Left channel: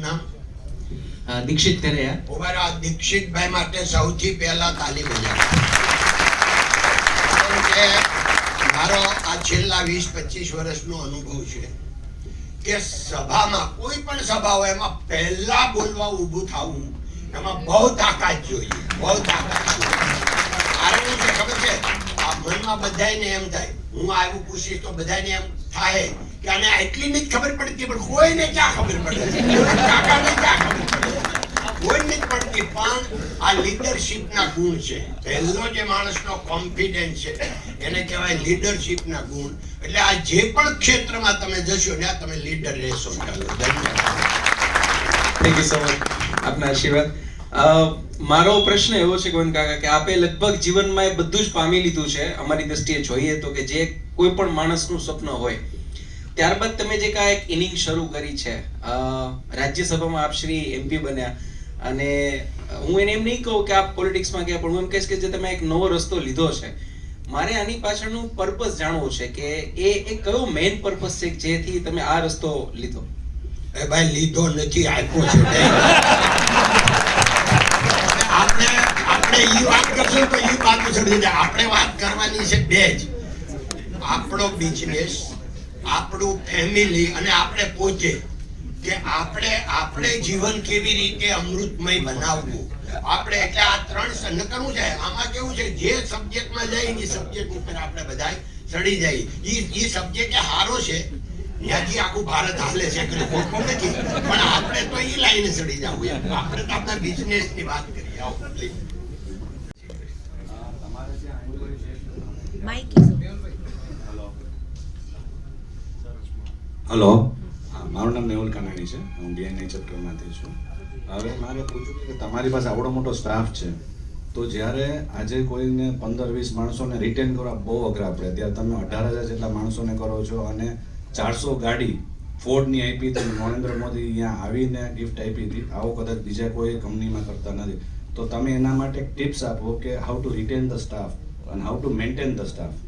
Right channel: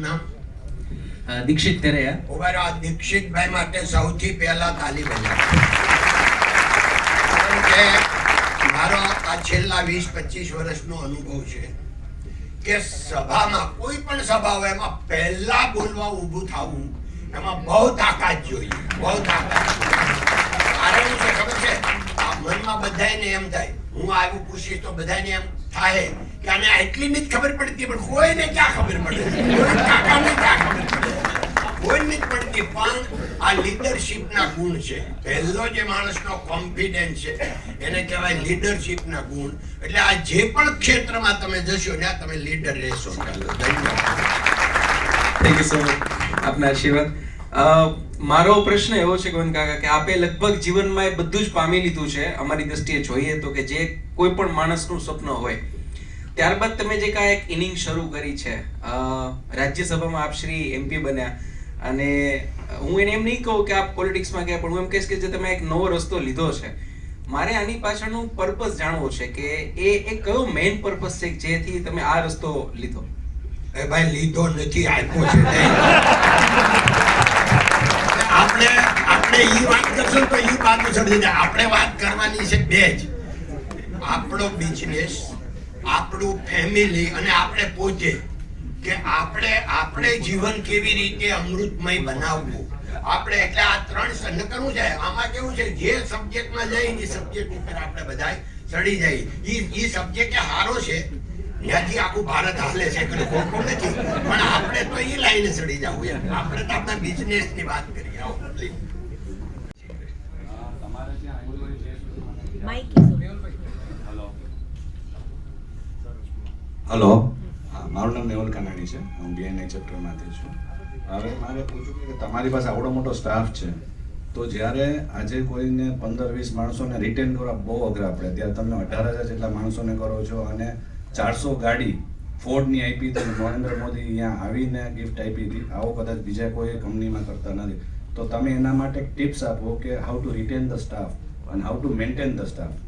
નામ દીક્ષિત તેરૈયા. ઉભા દીક્ષિતભાઈ માટે સૌથી પહેલા તાલી બજાવો. કારણ કે મારો આ છેલ્લા 20-25 વર્ષનો અનુભવ છે કે સભામાં કોઈ પણ સભા હોય એમાં પહેલા બોલવા ઊભું થવું એમાં બહુ તાકાત જોઈએ, બહુ તાકાત જોઈએ. કારણ કે ખબર છે આ મનમાં બધાને એમ થાય હું આવ્યું પૂછીશ તો બધાને એમ થાય કે આને એટલી જ ખબર પડતી પણ કોઈને ક્યાં ખબર પડે, કાકાને ક્યાં ખબર પડે, કોઈને જ પડતી. પણ આ લીડરશિપના ગુણ છે. પહેલો જે માણસનો કોન્ફિડન્સ છે એને કહેવાય લીડરશિપના ગુણ. એટલે આ જે પણ ક્ષેત્રમાં તમે જશો ત્યાં તમે લીડર રહેશો. ધન્યવાદ. Thank you so much. આપના આશીર્વાદ. મારો પ્રશ્ન એવો છે ગોવિંદ કાકા કે આપે લગભગ જીવનમાં એ બધું જ પામી લીધું છે અમારી દ્રષ્ટિએ જોઈએ તો કે જે કોઈ પણ માણસનું સ્વપ્ન હોય. ત્યારબાદ તમે જે કાંઈ એક ઇનિંગ શરૂ કરી છે, રાજ્યસભામાં આપ શ્રી MP બન્યા, અને હું એને એમ નહીં કહું કે આપ પોલિટિક્સમાં ગયા, પણ હું એમ કહીશ કે જે તમે એક નવો રસ્તો લીધો છે. મારે આની પાછળનું પર્પસ જાણવો છે કે એ કયો મેઇન પર્પસ છે જેથી તમે આ રસ્તો લીધો? એ ભાઈ લીધો નથી, આપ્યો છે. આપણે ઈ વાત કરશું તો ઈ વાત છોડી દે. આપણે વાત કરવાની છે બે જ, આપણો બિઝનેસ, આપણું ફેમિલી અને આપણે પોતે, કે આપણે જીવન કેવી રીતે અમૃતમય બનાવવું. આપણે એટલે આ ત્રણ નકરવું છે. આમાં કેવું છે જે સબ્જેક્ટમાં જાય એ સબ્જેક્ટ ઉપર આપણે બધા ચડી જાય. ઈ સબ્જેક્ટ સારો છે, ત્યાંથી આખું ભારત હાલે છે, ખોટું નથી. પણ આપણે તો ઈ લાઈને ચડી જવું. આપણે તો આપણા બિઝનેસની વાત કરીએ. આવો હલો, મારું નામ નેવલ કનાણી છે. હું BNI ચેપ્ટરમાંથી છું. હવે મારે પૂછવું કે તમારી પાસે આવડો મોટો સ્ટાફ છે, તો જ્યારે આજે કોઈને 15-20 માણસોને રિટેન કરવા બહુ અઘરા પડે, ત્યારે તમે 18,000 જેટલા માણસોને કરો છો અને 400 ગાડી ફોર્ડની આપી, તો નરેન્દ્ર મોદી અહીંયા આવીને ગિફ્ટ આપી હતી. આવો કદાચ બીજા કોઈ કંપનીમાં કરતા નથી. તો તમે એના માટે ટિપ્સ આપો કે how to retain the staff અને how to maintain the staff.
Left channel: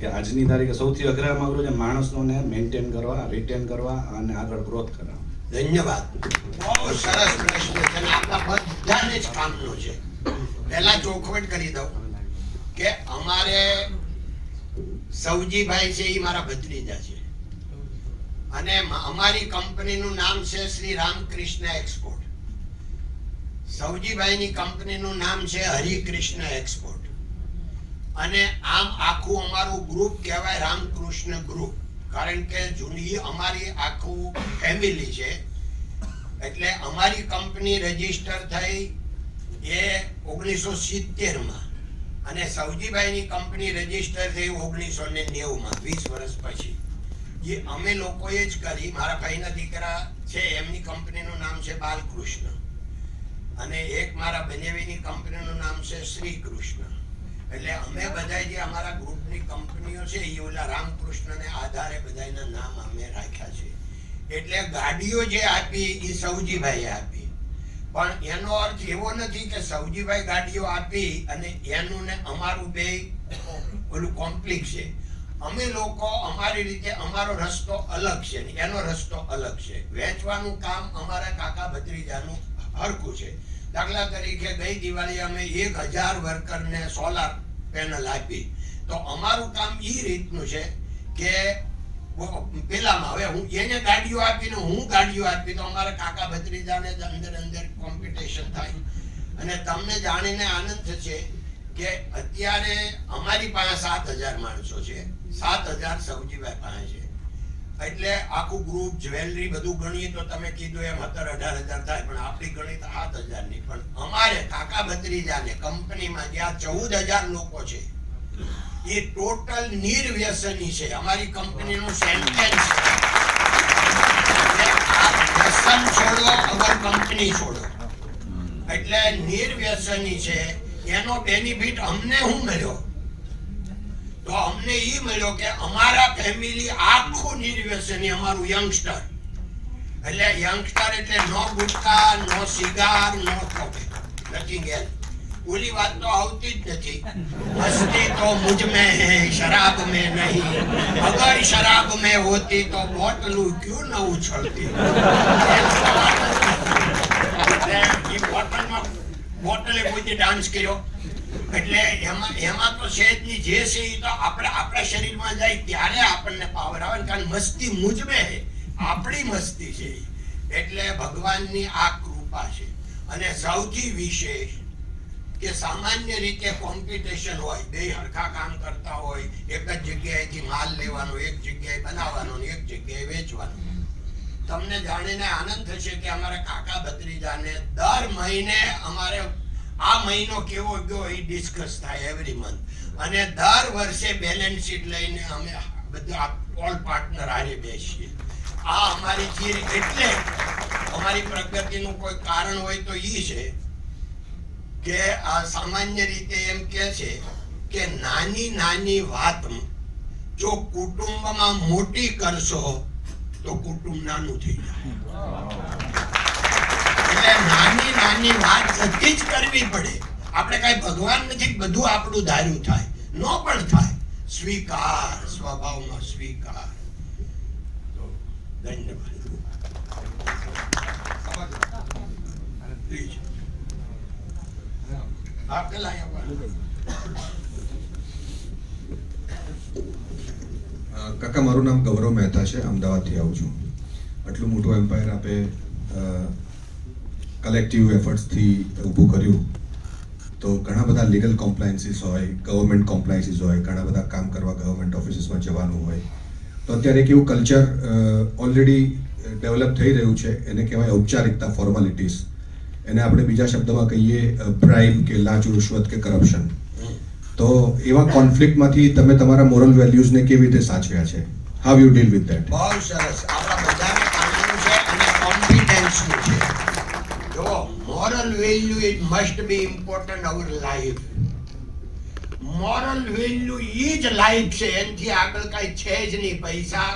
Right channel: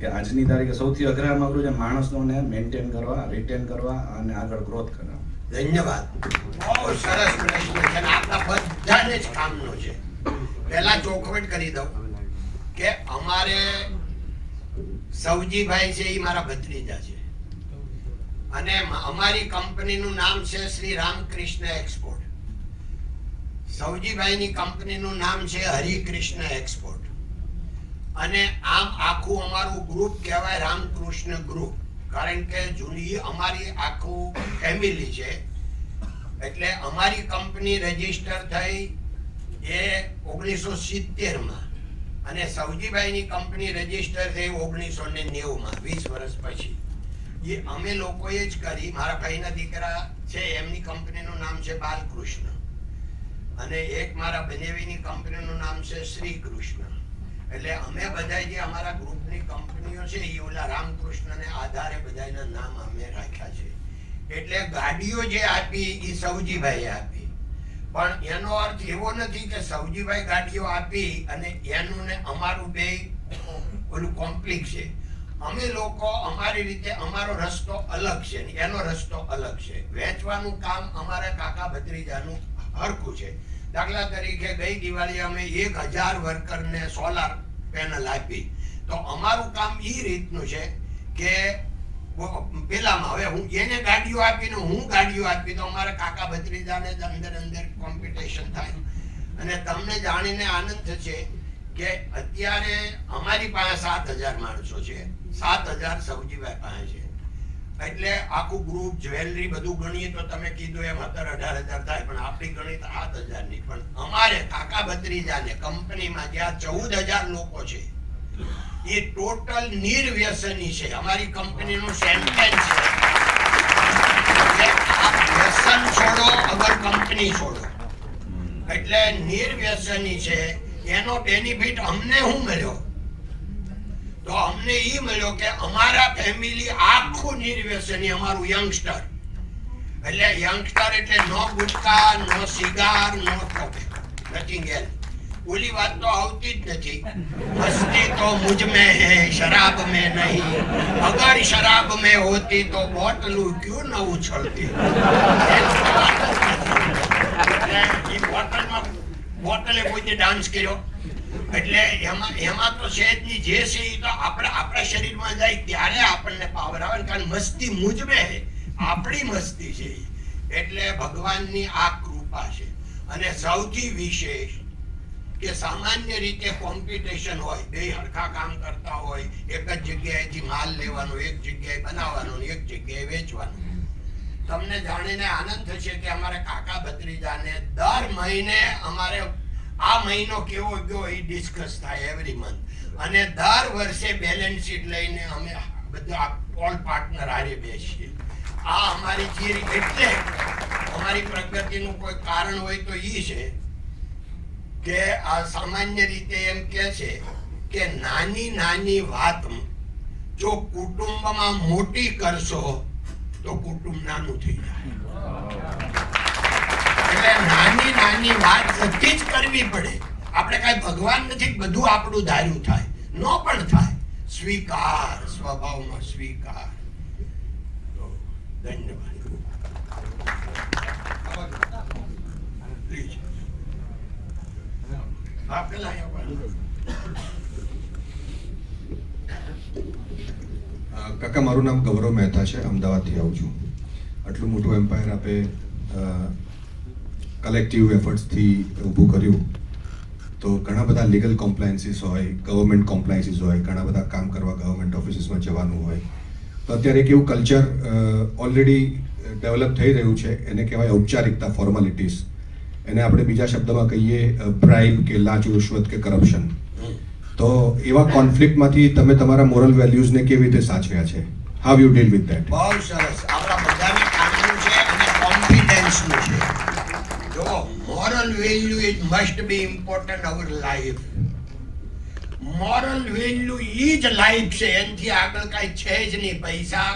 કે આજની તારીખે સૌથી અઘરામાં અઘરું છે માણસોને મેન્ટેન કરવા, રિટેન કરવા અને આગળ ગ્રોથ કરવા. ધન્યવાદ. બહુ સરસ પ્રશ્ન છે. આપણા બધાને જ કામનો છે. પહેલા ચોખવટ કરી દઉં કે અમારે સૌજીભાઈ છે એ મારા ભત્રીજા છે, અને અમારી કંપનીનું નામ છે શ્રી રામકૃષ્ણ એક્સપોર્ટ. સૌજીભાઈની કંપનીનું નામ છે હરિકૃષ્ણ એક્સપોર્ટ. અને આમ આખું અમારું ગ્રુપ કહેવાય રામકૃષ્ણ ગ્રુપ, કારણ કે જૂની અમારી આખું ફેમિલી છે. એટલે અમારી કંપની રજીસ્ટર થઈ એ 1970માં, અને સૌજીભાઈની કંપની રજીસ્ટર થઈ 1990માં, 20 વર્ષ પછી. એ અમે લોકોએ જ કરી. મારા ભાઈના દીકરા છે એમની કંપનીનું નામ છે બાલકૃષ્ણ, અને એક મારા બનેવીની કંપનીનું નામ છે શ્રી કૃષ્ણ. એટલે અમે બધા જે અમારા ગ્રુપની કંપનીઓ છે એ ઓલા રામકૃષ્ણને આધારે બધાના નામ અમે રાખ્યા છે. એટલે ગાડીઓ જે આપી એ સૌજીભાઈએ આપી, પણ એનો અર્થ એવો નથી કે સૌજીભાઈ ગાડીઓ આપી અને એનું ને અમારું બે ઓલું કોમ્પ્લિક છે. અમે લોકો અમારી રીતે, અમારો રસ્તો અલગ છે, એનો રસ્તો અલગ છે. વેચવાનું કામ અમારા કાકા ભત્રીજાનું હરખું છે. દાખલા તરીકે ગઈ દિવાળી અમે 1000 વર્કરને સોલાર પેનલ આપી. તો અમારું કામ એ રીતનું છે કે પેલામાં હવે હું એને ગાડીઓ આપીને હું ગાડીઓ આપી તો અમારા કાકા ભત્રીજાને અંદર કોમ્પિટિશન થાય. અને તમને જાણીને આનંદ થશે કે અત્યારે અમારી પાસે 7000 માણસો છે, 7000 સૌજીભાઈ પાસે છે. એટલે આખું ગ્રુપ, જ્વેલરી બધું ગણીએ તો તમે કીધું એમ 17-18 હજાર થાય, પણ આપણી ગણી 7000 ની. પણ અમારે કાકા ભત્રીજાને કંપનીમાં જ્યાં 14000 લોકો છે એ ટોટલ નિર્વ્યસની છે. અમારી કંપનીનું સેન્ટેન્સ છે આપ વ્યસન છોડો અગર કંપની છોડો. એટલે નિર્વ્યસની છે. એનો બેનિફિટ અમને શું મળ્યો? તો અમને એ મળ્યો કે અમારા ફેમિલી આખું નિર્વ્યસની, અમારું યંગસ્ટર. એટલે યંગસ્ટર એટલે નો ગુટકા, નો સિગાર, નો નથિંગ એલ્સ. ઓલી વાત તો આવતી જ નથી. મસ્તી તો મુझ में है, शराब में नहीं. अगर शराब में होती तो बोतलू क्यों न उछलती. બોટલે કોઈ ડાન્સ કર્યો એટલે એમાં તો છે જ નહીં. જે છે એ તો આપણા શરીરમાં જાય ત્યારે આપણને પાવર આવે, કારણ મસ્તી મુજમે આપણી મસ્તી છે. એટલે ભગવાનની આ કૃપા છે. અને સૌથી વિશેષ કે સામાન્ય રીતે કોમ્પિટિશન હોય, બે હરખા કામ કરતા હોય, એક જ જગ્યાએથી માલ લેવાનો, એક જગ્યાએ બનાવવાનો, એક જગ્યાએ વેચવાનો. તમને જાણીને આનંદ થશે કે અમારા કાકા ભત્રીજાને દર મહિને અમારે આ મહિનો કેવો ગયો એ ડિસ્કસ થાય એવરી મંથ. અને દર વર્ષે બેલેન્સ શીટ લઈને અમે બધા ઓલ પાર્ટનર હારે બેસીએ. આ અમારી થિયરી. એટલે અમારી પ્રગતિનું કોઈ કારણ હોય તો એ છે કે આ સામાન્ય રીતે એમ કહે છે કે નાની નાની વાત જો કુટુંબમાં મોટી કરશો તો કુટુંબ નાનું થઈ જાય. એટલે નાની નાની વાત બધી જ કરવી પડે. આપણે કઈ ભગવાન નથી બધું આપણું ધાર્યું થાય, નો પણ થાય. સ્વીકાર, સ્વભાવમાં સ્વીકાર. તો ધન્યવાદ. પ્લીઝ આપ પેલા કાકા, મારું નામ ગૌરવ મહેતા છે, અમદાવાદથી આવું છું. આટલું મોટું એમ્પાયર આપે કલેક્ટિવ એફર્ટ્સથી ઊભું કર્યું, તો ઘણા બધા લીગલ કોમ્પ્લાયન્સીસ હોય, ગવર્મેન્ટ કોમ્પ્લાયન્સીસ હોય, ઘણા બધા કામ કરવા ગવર્મેન્ટ ઓફિસીસમાં જવાનું હોય. તો અત્યારે એક એવું કલ્ચર ઓલરેડી ડેવલપ થઈ રહ્યું છે, એને કહેવાય ઔપચારિકતા, ફોર્માલિટીઝ. એને આપણે બીજા શબ્દમાં કહીએ બ્રાઇબ કે લાંચ, રૂશ્વત કે કરપ્શન. તો એવા કોન્ફ્લિક્ટમાંથી તમે તમારા મોરલ વેલ્યુઝને કેવી રીતે સાચવ્યા છે? How you deal with that? બહુ સરસ. આપણા બધાને કામનું છે અને કોમ્પિટન્સનું છે. જો moral value it must be important our life. Moral value ઈ જ લાઈફ છે, એનાથી આગળ કઈ છે જ નહીં. પૈસા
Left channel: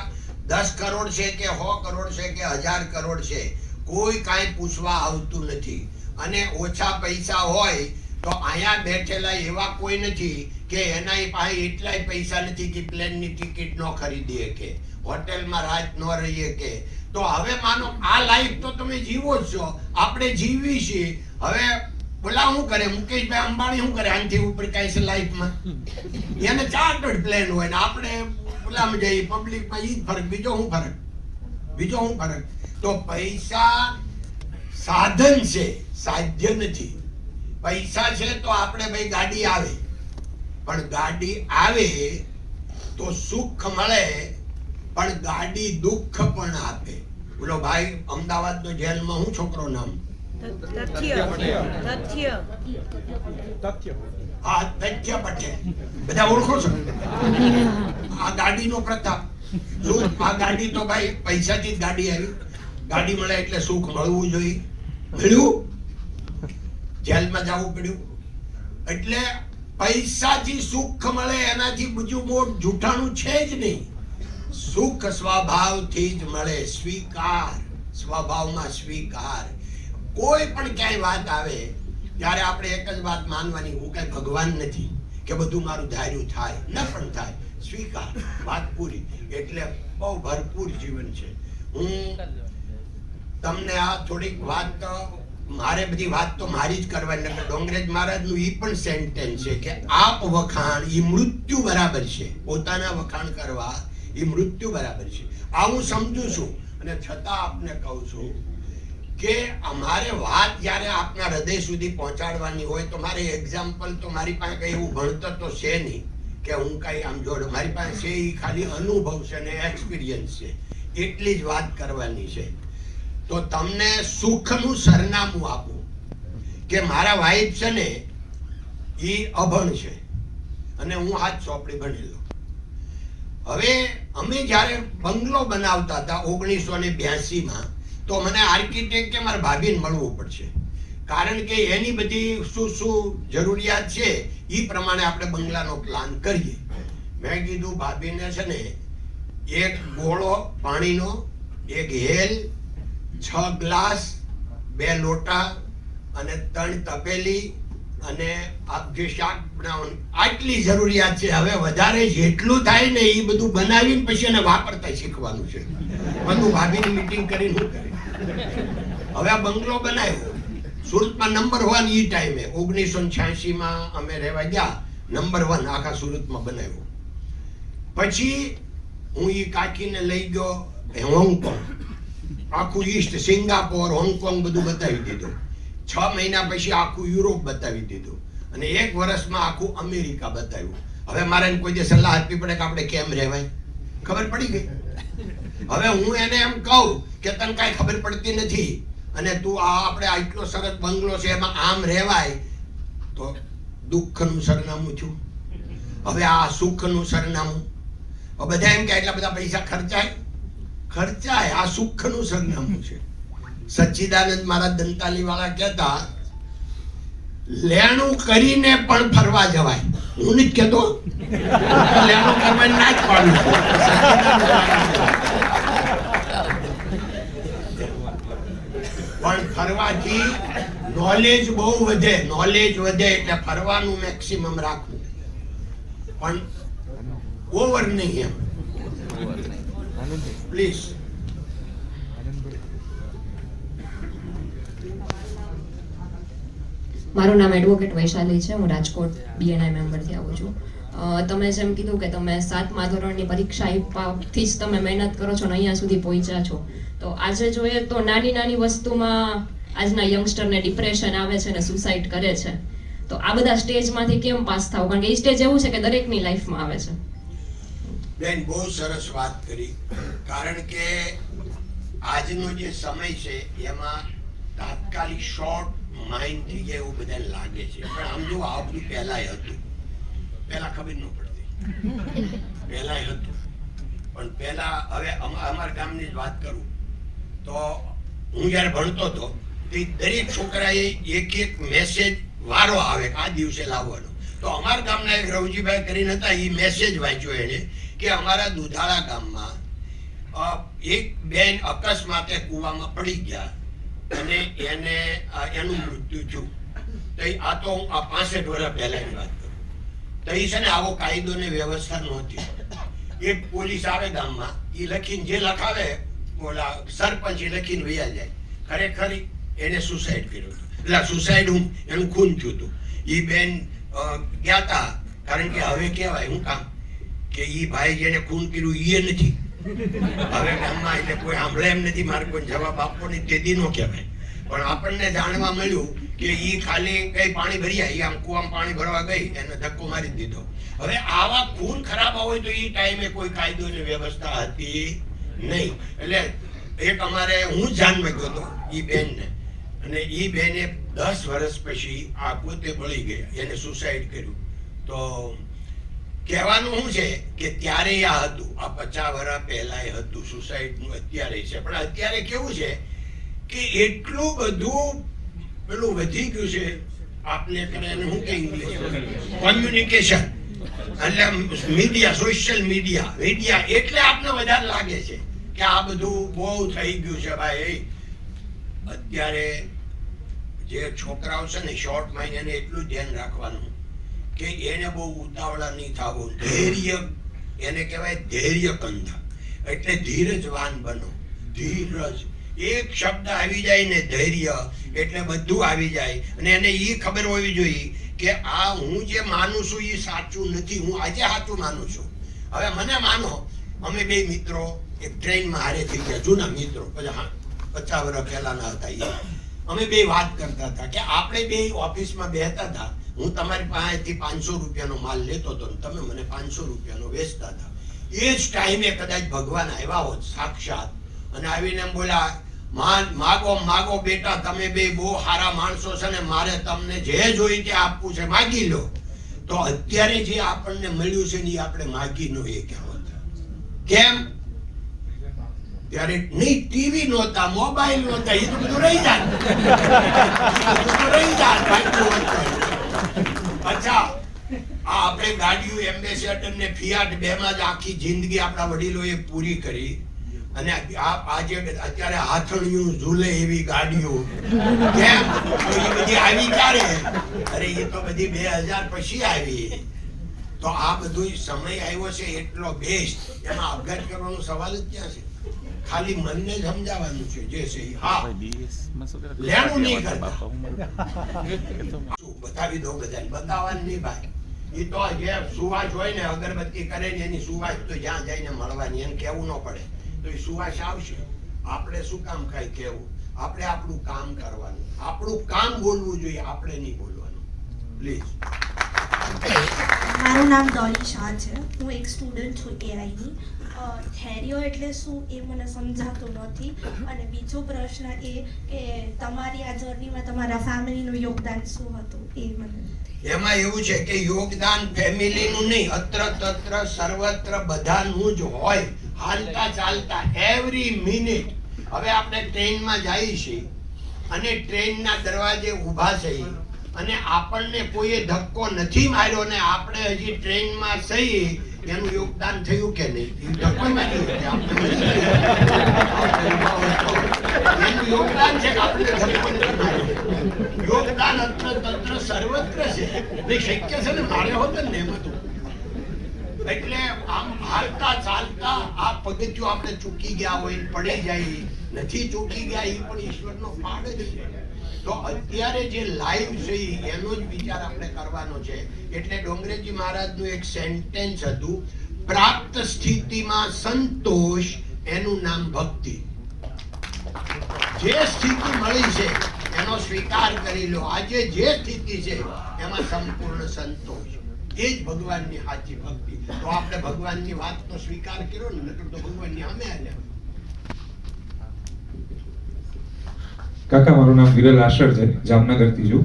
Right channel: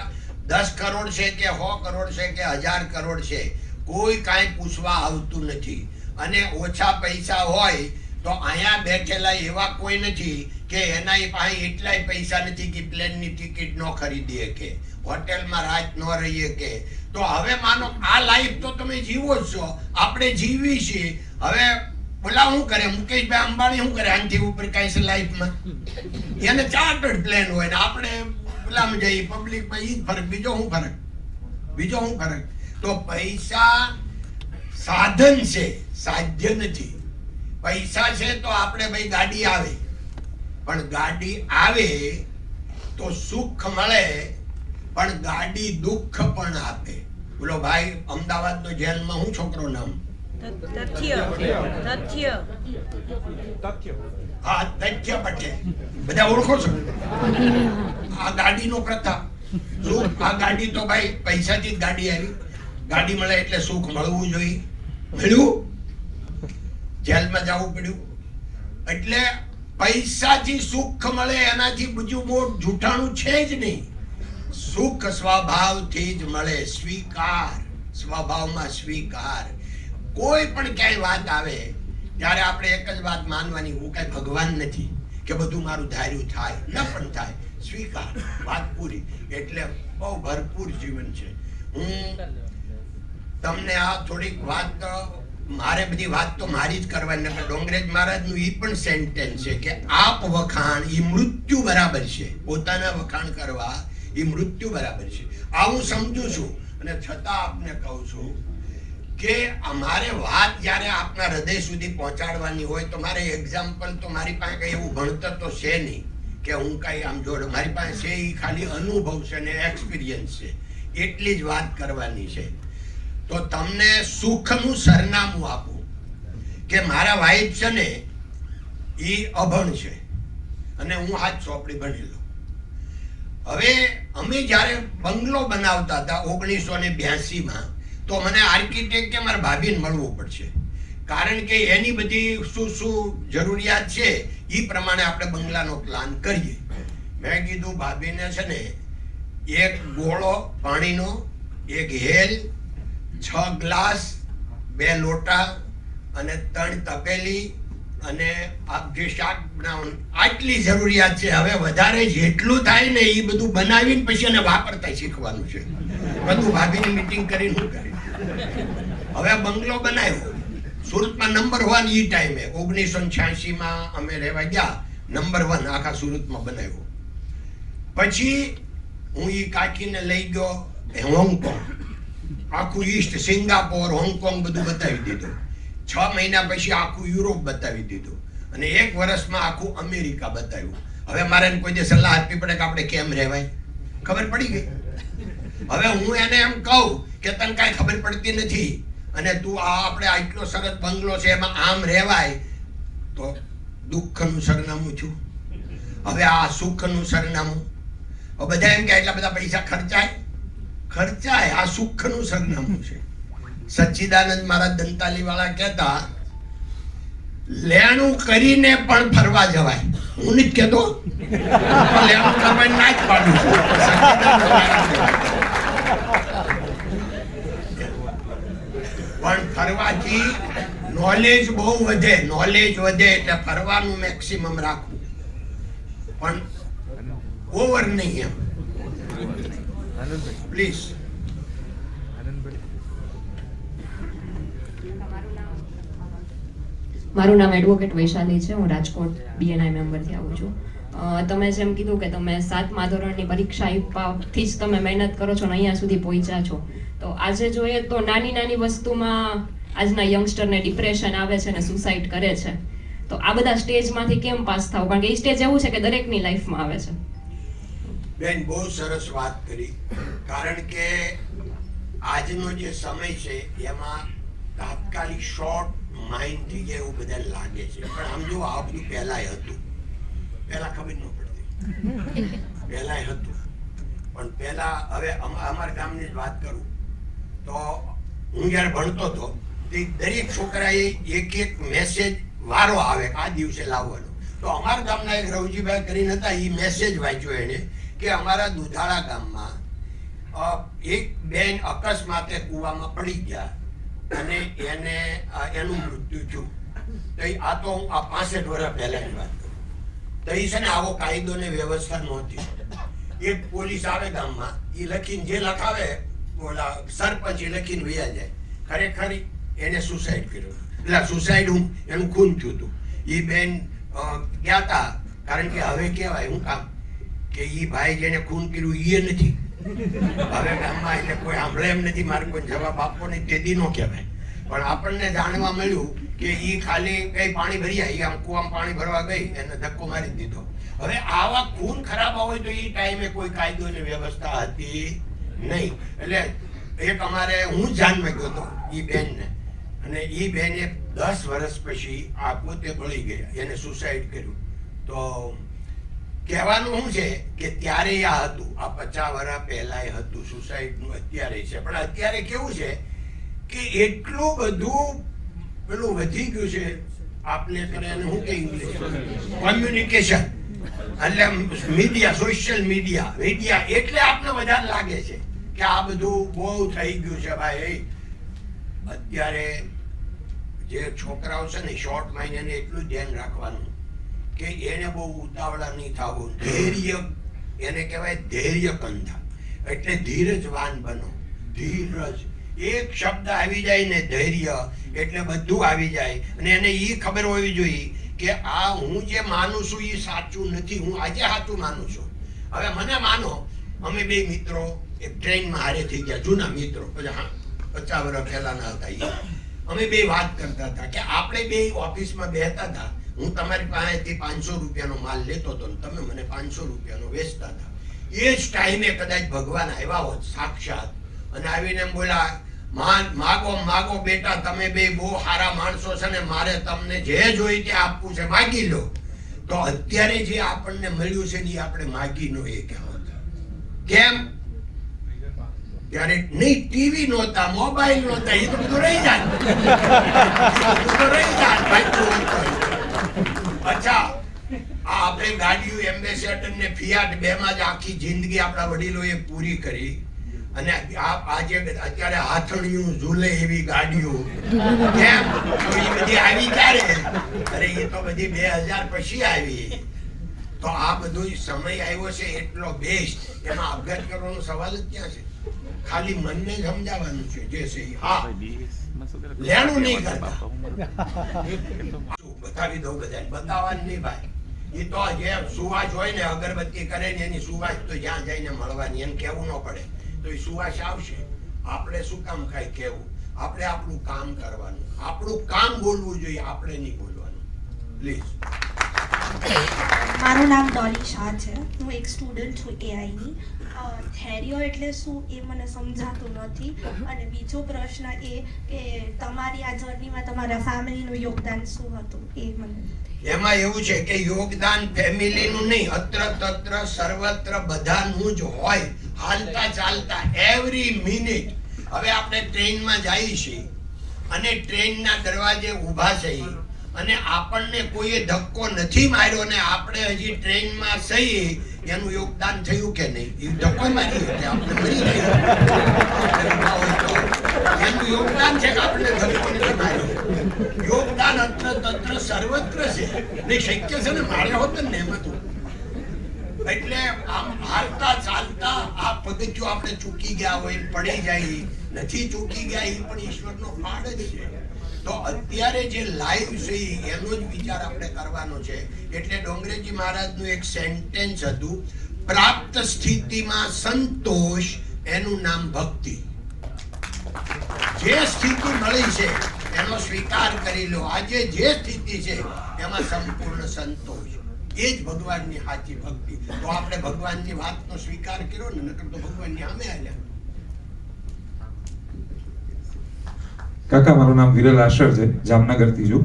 10 કરોડ છે કે 100 કરોડ છે કે 1000 કરોડ છે, કોઈ કાંઈ પૂછવા આવતું નથી. અને ઓછા પૈસા હોય તો અહીંયા બેઠેલા એવા કોઈ નથી કે એના પાસે એટલાય પૈસા નથી કે પ્લેનની ટિકિટ ન ખરીદી શકે, હોટેલમાં રાત ન રહી શકે. તો હવે માનો આ લાઈફ તો તમે જીવો જ છો, આપણે જીવી છીએ. હવે પેલા શું કરે, મુકેશભાઈ અંબાણી શું કરે, આનાથી ઉપર કાંઈ છે લાઈફમાં? એને ચાર્ટર્ડ પ્લેન હોય ને આપણે પેલામાં જઈએ પબ્લિકમાં. ઈ જ ફરક. બીજો શું ફરક? તો પૈસા સાધન છે, સાધ્ય નથી. પૈસા છે તો આપણે ભાઈ ગાડી આવે, પણ ગાડી આવે તો સુખ મળે, પણ ગાડી દુઃખ પણ આપે. બોલો ભાઈ, અમદાવાદનો જેલમાં હું છોકરો નામ? હા, તથ્ય પટેલ. બધા ઓળખો છો? આ ગાડીનો પ્રતાપ. આ ગાડી તો ભાઈ પૈસાથી જ ગાડી આવી. ગાડી મળે એટલે સુખ મળવું જોઈએ. મળ્યું? જેલમાં જવું પડ્યું. એટલે પૈસાથી સુખ મળે એનાથી બીજું મોટ જૂઠાણું છે જ નહીં. સુખ સ્વભાવથી જ મળે. સ્વીકાર, સ્વભાવમાં સ્વીકાર. કોઈ પણ ક્યાંય વાત આવે ત્યારે આપણે એક જ વાત માનવાની, હું કઈ ભગવાન નથી કે બધું મારું ધાર્યું થાય, ન પણ થાય. સ્વીકાર, વાત પૂરી. એટલે બહુ ભરપૂર જીવન છે. હું તમને આ થોડીક વાત, મારે બધી વાત તો મારી જ કરવાની નથી. ડોંગરેજ મહારાજનું ઈ પણ સેન્ટેન્સ છે કે આપ વખાણ ઈ મૃત્યુ બરાબર છે. પોતાના વખાણ કરવા ઈ મૃત્યુ બરાબર છે. આ હું સમજુ છું, અને છતાં આપને કહું છું કે અમારે વાત જ્યારે આપના હૃદય સુધી પહોંચાડવાની હોય તો મારે એક્ઝામ્પલ તો મારી પાસે કઈ એવું ભણતર તો છે નહીં કે હું કઈ આમ જોડે. મારી પાસે છે એ ખાલી અનુભવ છે ને એક્સપિરિયન્સ છે, એટલી જ વાત કરવાની છે. તો તમને સુખનું સરનામું આપું કે મારા વાઈફ છે ને એ અભણ છે અને હું હાથ ચોપડી ભણેલો. હવે અમે જ્યારે બંગલો બનાવતા હતા 1982માં, તો મને આર્કિટેક્ટ કે મારા ભાભીને મળવું પડશે, કારણ કે એની બધી શું શું જરૂરિયાત છે એ પ્રમાણે આપણે બંગલાનો પ્લાન કરીએ. મેં કીધું ભાભીને છે ને એક ગોળો પાણીનો, એક હેલ, 6 ગ્લાસ, 2 લોટા અને 3 તપેલી અને આપ જે શાક બનાવવાનું, આટલી જરૂરિયાત છે. હવે વધારે જેટલું થાય ને એ બધું બનાવીને પછી એને વાપરતા શીખવાનું છે. બધું ભાભીની મીટિંગ કરીને શું કરે. હવે આ બંગલો બનાવ્યો, સુરતમાં નંબર 1 ઈ ટાઈમે 1986માં અમે રહેવા ગયા, નંબર 1 આખા સુરતમાં બનાવ્યો. પછી હું ઈ કાકીને લઈ ગયો હોંગકોંગ, આખું ઈસ્ટ, સિંગાપોર, હોંગકોંગ બધું બતાવી દીધું. 6 મહિના પછી આખું યુરોપ બતાવી દીધું અને 1 વર્ષમાં આખું અમેરિકા બતાવ્યું. હવે મારે કોઈ જે સલાહ આપવી પડે કે આપણે કેમ રહેવાય, ખબર પડી ગઈ. હવે હું એને એમ કહું કે તને કાંઈ ખબર પડતી નથી અને તું આ આપણે આટલો સરસ બંગલો છે એમાં આમ રહેવાય, તો દુઃખનું સરનામું છું. હવે આ સુખનું સરનામું. હવે બધા એમ કે એટલા બધા પૈસા ખર્ચાય, આ સુખનું સરનામું છે. સચ્ચિદાનંદ મહારાજ દંતાલી વાળા કહેતા, લેણું કરીને પણ ફરવા જવાય. હું નથી કહેતો, લેણું કરવા ના જ પાડું છું. પણ ફરવાથી નોલેજ બહુ વધે, એટલે ફરવાનું મેક્સિમમ રાખવું, પણ ઓવર નહીં એમ. પ્લીઝ. મારું નામ એડવોકેટ વૈશાલી છે. હું રાજકોટ BNI મેમ્બરથી આવું છું. તમે જેમ કીધું કે તમે 7મા ધોરણની પરીક્ષા આપ્યાથી જ તમે મહેનત કરો છો ને અહીંયા સુધી પહોંચ્યા છો, તો આજે જોઈએ તો નાની વસ્તુમાં આજના યંગસ્ટરને ડિપ્રેશન આવે છે ને સુસાઇડ કરે છે. તો આ બધા સ્ટેજમાંથી કેમ પાસ થવું? કારણ કે એ સ્ટેજ એવું છે કે દરેકની લાઈફમાં આવે છે. બેન, બહુ સરસ વાત કરી. કારણ કે આજનો જે સમય છે એમાં તાત્કાલિક શોર્ટ માઇન્ડ થઈ જાય એવું બધાને લાગે છે. પણ આમ જો આ બધું પહેલાય હતું, પહેલા ખબર ન પડતી, પહેલાય હતું. પણ પહેલા, હવે અમારા ગામની જ વાત કરું તો હું જ્યારે ભણતો હતો તે દરેક છોકરાએ એક મેસેજ વારો આવે કે આ દિવસે લાવવાનો. તો અમારા ગામના એક રવજીભાઈ કરીને હતા, એ મેસેજ વાંચ્યો એને કે અમારા દુધાળા ગામમાં એક બેન અકસ્માતે કૂવામાં પડી ગયા અને એનું મૃત્યુ થયું. તો આ તો હું 65 વર્ષ પહેલાની વાત કરું. તો એ છે ને આવો કાયદો ને વ્યવસ્થા નહોતી. એક પોલીસ આવે ગામમાં, એ લખીને જે લખાવે ઓલા સરપંચ એ લખીને વયા જાય. ખરેખર એને સુસાઇડ કર્યું, એટલે સુસાઇડ એનું ખૂન થયું હતું. એ બેન ગયા હતા, કારણ કે હવે કહેવાય શું કામ કે એ ભાઈ જેને ખૂન કર્યું એ નથી. હવે ગામમાં એટલે કોઈ સાંભળે એમ નથી, મારે કોઈ જવાબ આપવો નહીં, તેથી નો કહેવાય. પણ આપણને જાણવા મળ્યું કે એ ખાલી કઈ પાણી ભરી આવી, આમ કુવામાં પાણી ભરવા ગઈ, એને ધક્કો મારી દીધો. હવે આવા ખૂન ખરાબ હોય તો એ ટાઈમે કોઈ કાયદો ને વ્યવસ્થા હતી નહીં. એટલે એક અમારે હું જાનમાં ગયો હતો એ બેનને, અને એ બેને 10 વર્ષ પછી આ પોતે બળી ગયા, એને સુસાઇડ કર્યું. તો કહેવાનું શું છે કે ત્યારે આ હતું, આ 50 વર્ષ પહેલા હતું સુસાઇડનું, અત્યારે છે. પણ અત્યારે કેવું છે કે એટલું બધું પેલું વધી ગયું છે, આપણે કરે શું કે ઇંગ્લિશ કોમ્યુનિકેશન, એટલે મીડિયા, સોશિયલ મીડિયા, એટલે આપને વધારે લાગે છે કે આ બધું બહુ થઈ ગયું છે. ભાઈ, અત્યારે જે છોકરાઓ છે ને શોર્ટ માઇન્ડ, એને એટલું ધ્યાન રાખવાનું કે એને બહુ ઉતાવળા નહીં થવું. ધૈર્ય, એને કહેવાય ધૈર્ય કંધા, એટલે ધીરજવાન બનો. ધીરજ એક શબ્દ આવી જાય ને, ધૈર્ય, એટલે બધું આવી જાય. અને એને એ ખબર હોવી જોઈએ કે આ હું જે માનું છું એ સાચું નથી, હું આજે સાચું માનું છું. હવે મને માનો, અમે બે મિત્રો એક ટ્રેનમાં હારે થઈ ગયા, જૂના મિત્રો, 50 વર્ષ પહેલાના હતા. અમે બે વાત કરતા હતા કે આપણે બે ઓફિસમાં બેહતા હતા. હું તમારી પાસેથી 500 રૂપિયાનો માલ લેતો હતો, તમે મને 500 રૂપિયાનો વેચતા હતા. એ જ ટાઈમે કદાચ ભગવાન આવ્યા હોત સાક્ષાત અને આવીને એમ બોલ્યા, માગો બેટા, તમે બે બહુ સારા માણસો છે ને મારે તમને જે જોઈ તે આપવું છે, માગી લો. તો અત્યારે જે આપણને મળ્યું છે ને એ આપણે માગી નો એ કહેવત. કેમ? ત્યારે નહીં, ટીવી નહોતા, મોબાઈલ નહોતા, એ તો બધું રહી જાય. અચ્છા, આપણે ગાડીઓ એમ્બેસેડર ને ફિયાટ બેમાં જ આખી જિંદગી આપણા વડીલોએ પૂરી કરી. અને આજે અત્યારે હાથણીયું ઝૂલે એવી ગાડીઓ, કેમ? તો એ બધી આવી ક્યારે? અરે એ તો બધી 2000 પછી આવી. તો આ બધો સમય આવ્યો છે એટલો બેસ્ટ, એમાં આપઘાત કરવાનો સવાલ જ ક્યાં છે? ખાલી મનને સમજાવવાનું છે જે છે. હા, લેણું નહીં કરતા. શું બતાવી દો બધાને? બતાવવાનું નહીં ભાઈ. એ તો જે સુવાસ હોય ને, અગરબત્તી કરે ને એની સુવાસ તો જ્યાં જઈને મળવાની, એને કેવું ન પડે તો એ સુવાસ આવશે. આપણે શું કામ કાંઈ કેવું? આપણે આપણું કામ કરવાનું, આપણું કામ બોલવું જોઈએ, આપણે નહીં બોલવાનું. પ્લીઝ. મારું નામ ડોલી શાહ છે. હું એક સ્ટુડન્ટ છું એઆઈની. થેરીઓ એટલે શું એ મને સમજાતું નથી. અને બીજો પ્રશ્ન એ કે તમારી આ જર્નીમાં તમારા ફેમિલીનું યોગદાન શું હતું એ મને. એમાં એવું છે કે યોગદાન ફેમિલીનું નહીં, અત્ર તત્ર સર્વત્ર બધાનું જ હોય. હાલતા ચાલતા એવરી મિનિટ. હવે આપણે ટ્રેનમાં જઈએ છીએ અને ટ્રેનના દરવાજે ઊભા છીએ અને આપણને કોઈએ ધક્કો નથી માર્યો ને આપણે હજી ટ્રેનમાં સહી, એનું યોગદાન થયું કે નહીં? ધક્કો માર્યો એટલે આપણે મરી ગયા. એનું યોગદાન છે કે આપણે ધક્કો નથી માર્યો. યોગદાન અત્ર તત્ર સર્વત્ર છે. ને શક્ય છે ને, મારે હોત ને એમ હતું. એટલે આમ હાલતા ચાલતા આ પગથિયું આપણે ચૂકી ગયા હોય, પડી જાય, નથી ચૂકી ગયા, એ પણ ઈશ્વરનો ફાળ જ છે. તો અત્યારે જે લાઈવ છે એનો જ વિચાર આપણે કરવાનો છે. એટલે ડોંગરેજી મહારાજનું એક સેન્ટેન્સ હતું, પ્રાપ્ત સ્થિતિમાં સંતોષ, એનું નામ ભક્તિ. જે સ્થિતિ મળી છે એનો સ્વીકાર કરી લો. આજે જે સ્થિતિ છે એમાં સંપૂર્ણ સંતોષ, એ જ ભગવાનની સાચી ભક્તિ. તો આપણે ભગવાનની વાતનો સ્વીકાર કર્યો ને, નકર તો ભગવાનની સામે હાલ્યા. કાકા, મારું નામ વિરલ આશર છે, જામનગરથી છું.